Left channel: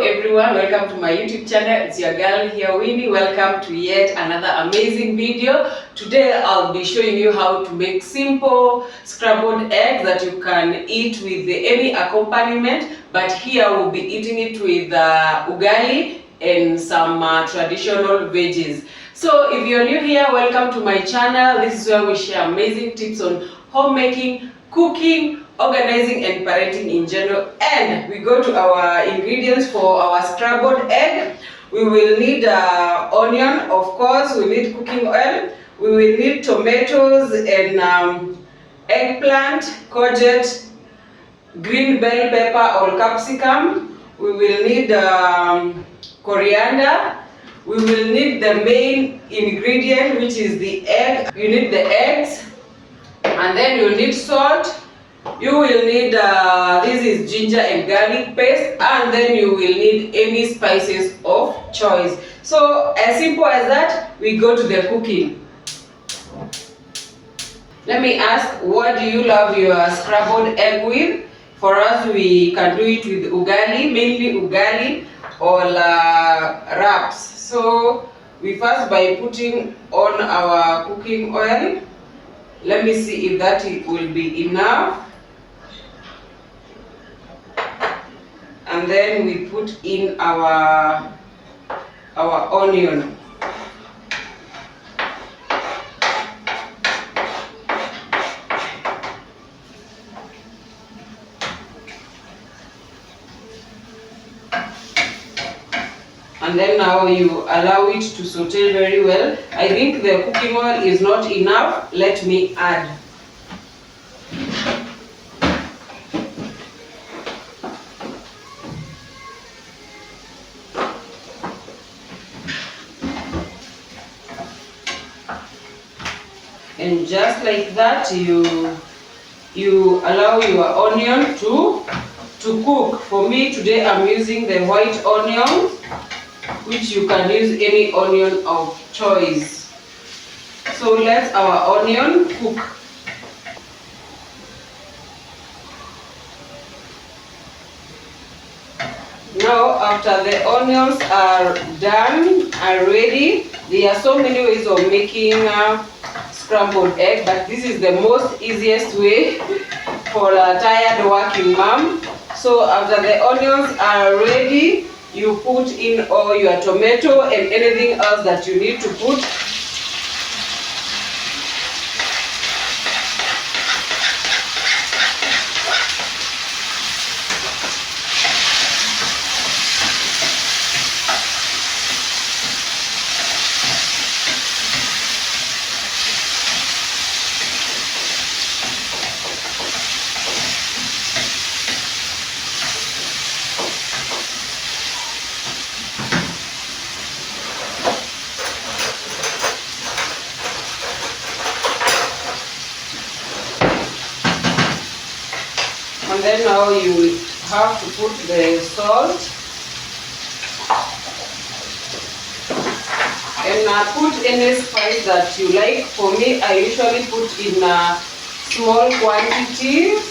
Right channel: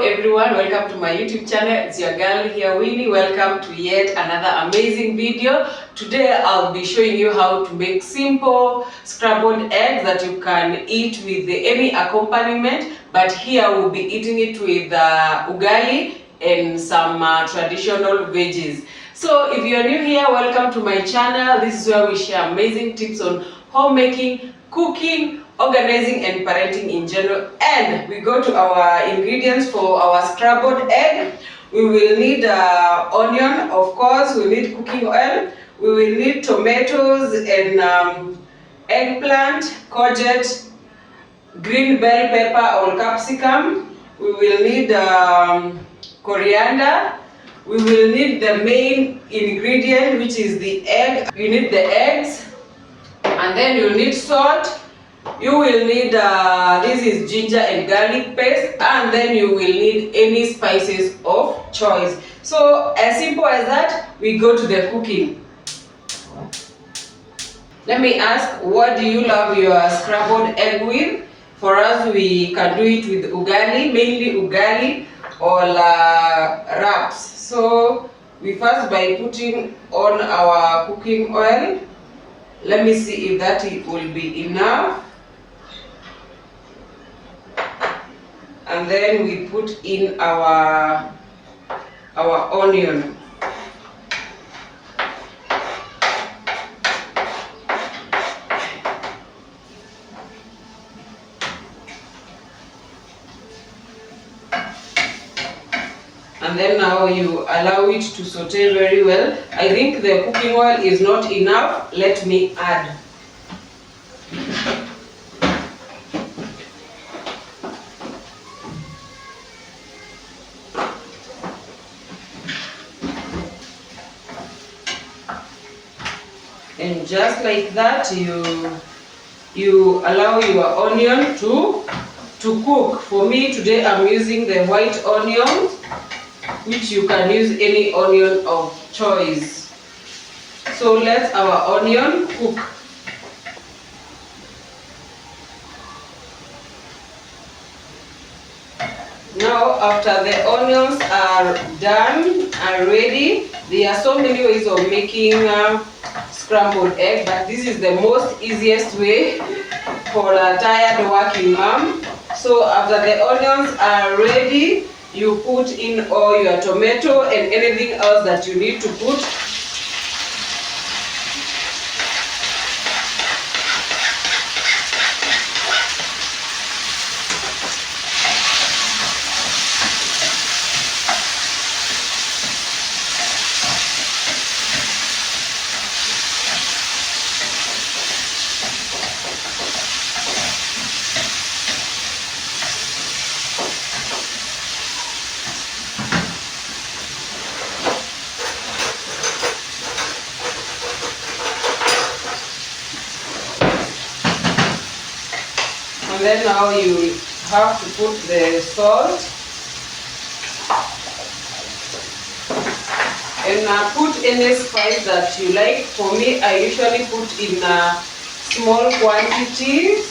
everyone, welcome to my YouTube channel. It's your girl here, Winnie. Welcome to yet another amazing video. Today I'll be showing you how to make simple scrambled eggs that you can eat with any accompaniment, but here we'll be eating it with ugali and some traditional veggies. So if you're new here, welcome to my channel. This is where we share amazing tips on homemaking, cooking, organizing and parenting in general. And we go to our ingredients for our scrambled egg. We will need onion, of course. We need cooking oil. We will need tomatoes and eggplant, courgette, green bell pepper or capsicum. We will need coriander. We will need the main ingredient, which is the egg. You need the eggs, and then you need salt. You will need, this is ginger and garlic paste, and then you will need any spices of choice. So as simple as that, we go to the cooking. Let me ask, what do you love your scrambled egg with? For us, we can do it with ugali, mainly ugali or wraps. So we first by putting on our cooking oil. Let me see if that will be enough. And then we put in our onion. And then now you allow it to saute very well. I think the cooking oil is not enough. Let me add. And just like that, you allow your onion to cook. For me today, I'm using the white onion, which you can use any onion of choice. So let our onion cook. Now, after the onions are done, are ready, there are so many ways of making scrambled egg, but this is the most easiest way for a tired working mom. So after the onions are ready, you put in all your tomato and anything else that you need to put. And then now you have to put the salt and put any spice that you like. For me, I usually put in small quantities.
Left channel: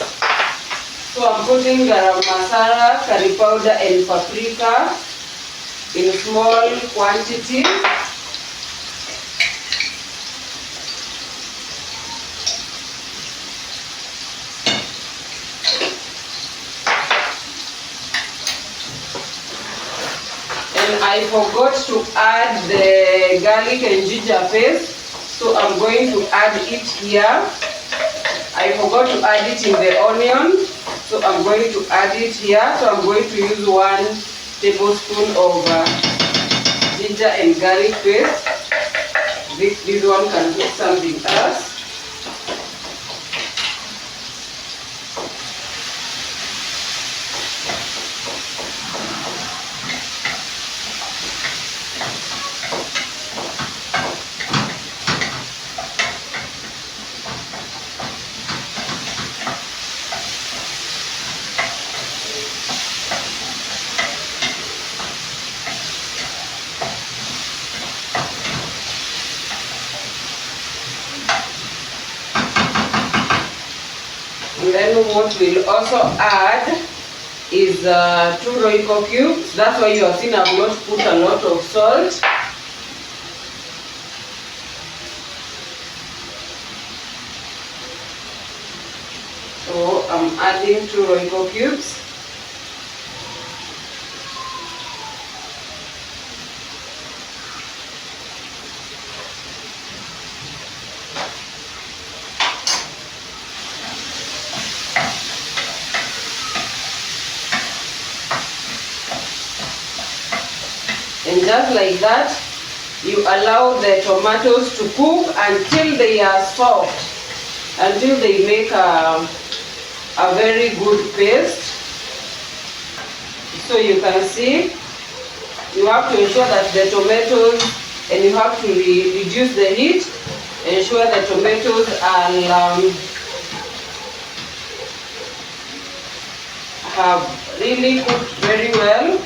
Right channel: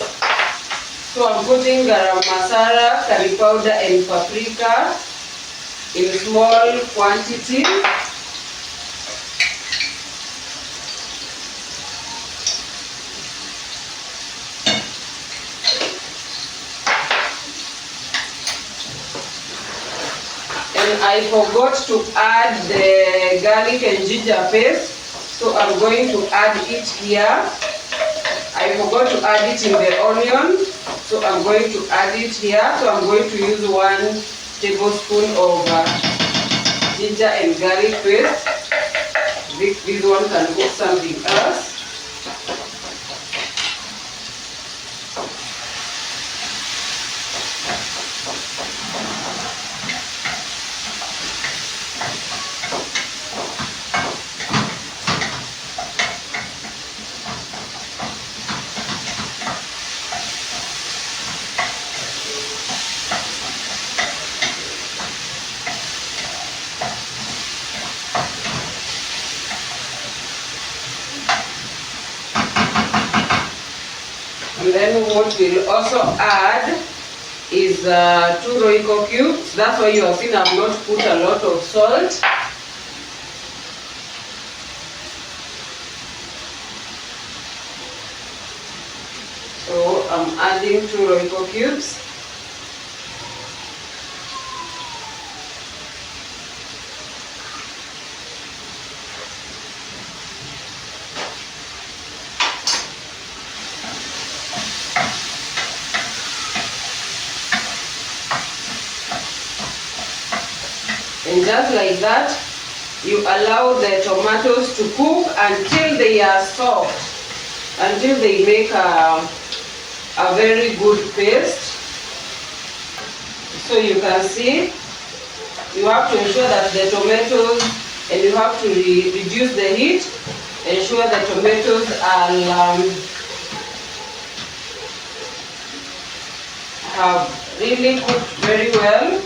So I'm putting garam masala, curry powder and paprika in small quantities. And I forgot to add the garlic and ginger paste, so I'm going to add it here. I forgot to add it in the onion, so I'm going to add it here. So I'm going to use 1 tablespoon of ginger and garlic paste. This one can get something else. And then what we'll also add is 2 Royco cubes. That's why you have seen I've not put a lot of salt. So I'm adding 2 Royco cubes. And just like that, you allow the tomatoes to cook until they are soft, until they make a very good paste. So you can see, you have to ensure that the tomatoes, and you have to reduce the heat, ensure the tomatoes are have really cooked very well.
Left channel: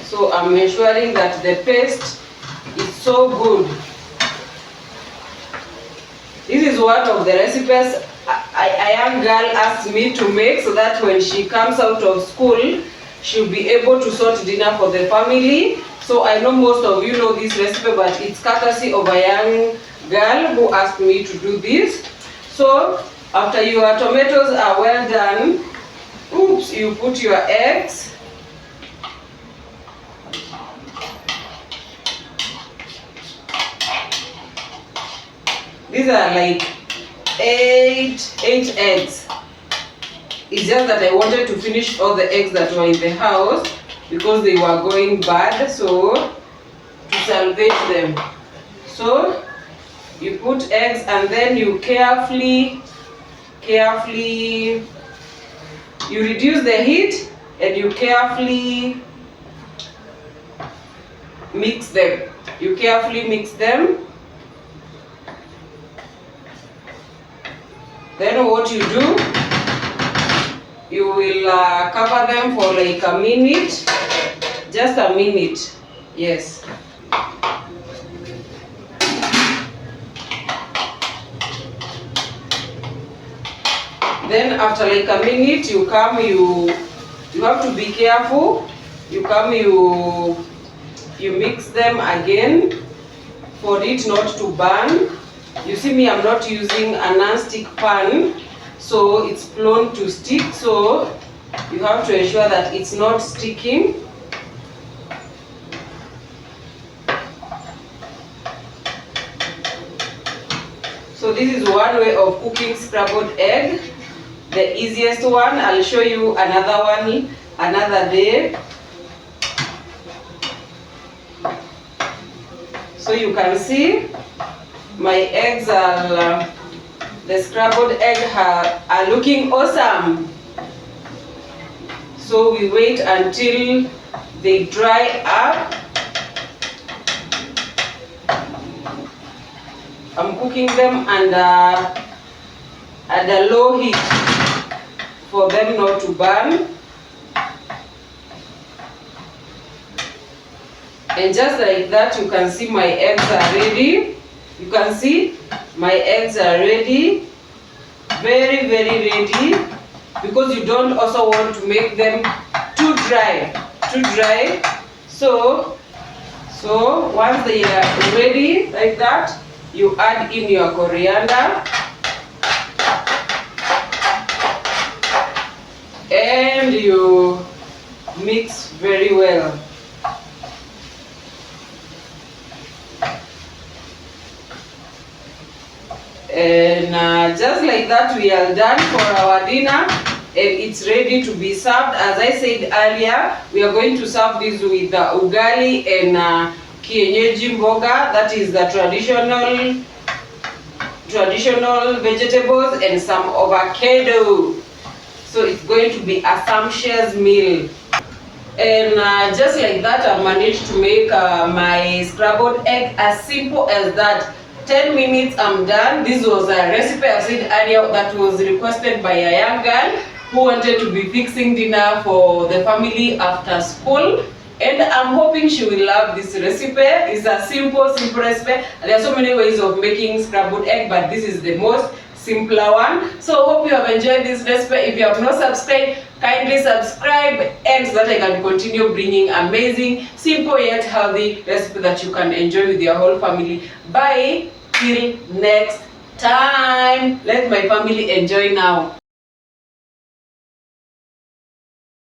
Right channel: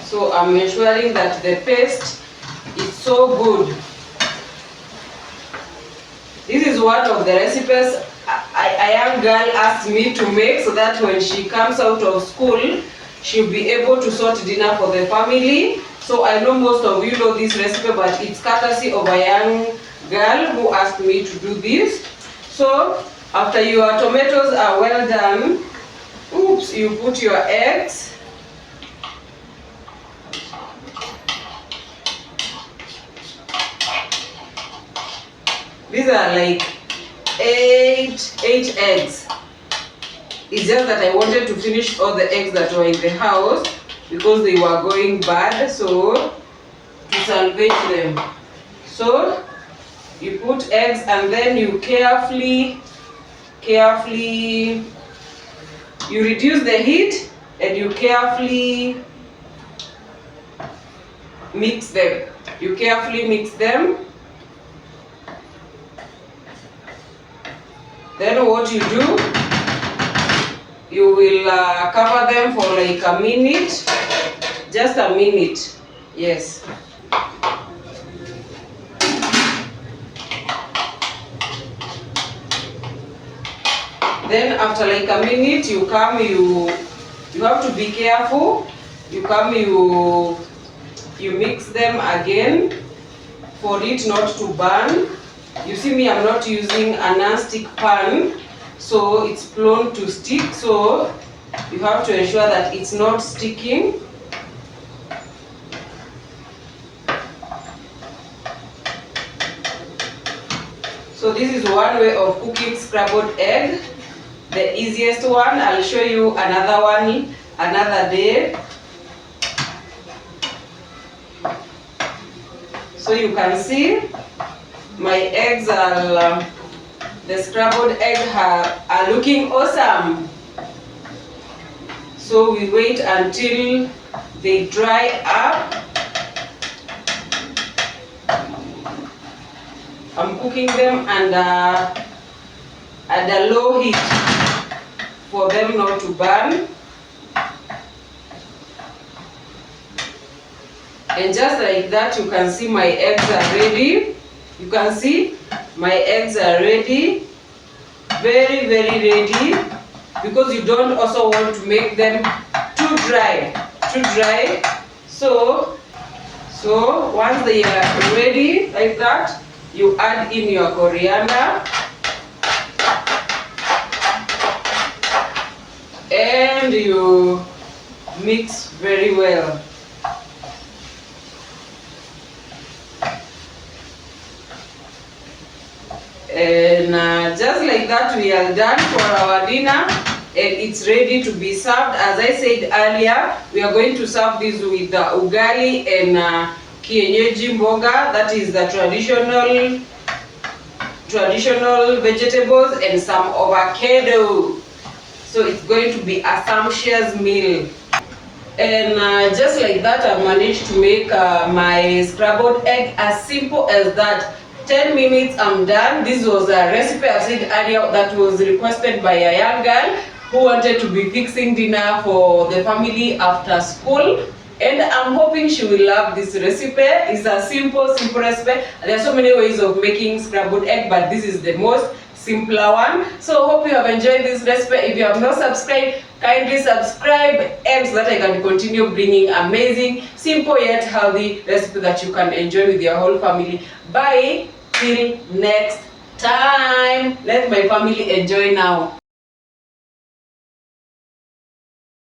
So I'm ensuring that the paste is so good. This is one of the recipes a young girl asked me to make, so that when she comes out of school, she'll be able to sort dinner for the family. So I know most of you know this recipe, but it's courtesy of a young girl who asked me to do this. So after your tomatoes are well done, you put your eggs. These are like eight eggs. It's just that I wanted to finish all the eggs that were in the house because they were going bad, so to salvage them. So you put eggs and then you carefully you reduce the heat and you carefully mix them. You carefully mix them. Then what you do, you will cover them for like a minute, just a minute, yes. Then after like a minute, you come, you have to be careful. You come, you mix them again for it not to burn. You see me, I'm not using a non-stick pan, so it's prone to stick, so you have to ensure that it's not sticking. So this is one way of cooking scrambled egg, the easiest one. I'll show you another one another day. So you can see my eggs are, the scrambled eggs are looking awesome. So we wait until they dry up. I'm cooking them at a low heat for them not to burn. And just like that, you can see my eggs are ready. You can see my eggs are ready, very ready, because you don't also want to make them too dry. So once they are ready like that, you add in your coriander and you mix very well. And just like that, we are done for our dinner and it's ready to be served. As I said earlier, we are going to serve this with ugali and kienyeji mboga, that is the traditional vegetables, and some avocado. So it's going to be a sumptuous meal. And just like that, I've managed to make my scrambled egg as simple as that. 10 minutes, I'm done. This was a recipe I said earlier that was requested by a young girl who wanted to be fixing dinner for the family after school. And I'm hoping she will love this recipe. It's a simple recipe. There are so many ways of making scrambled egg, but this is the most simpler one. So hope you have enjoyed this recipe. If you have not subscribed, kindly subscribe, and so that I can continue bringing amazing, simple yet healthy recipe that you can enjoy with your whole family. Bye till next time. Let my family enjoy now.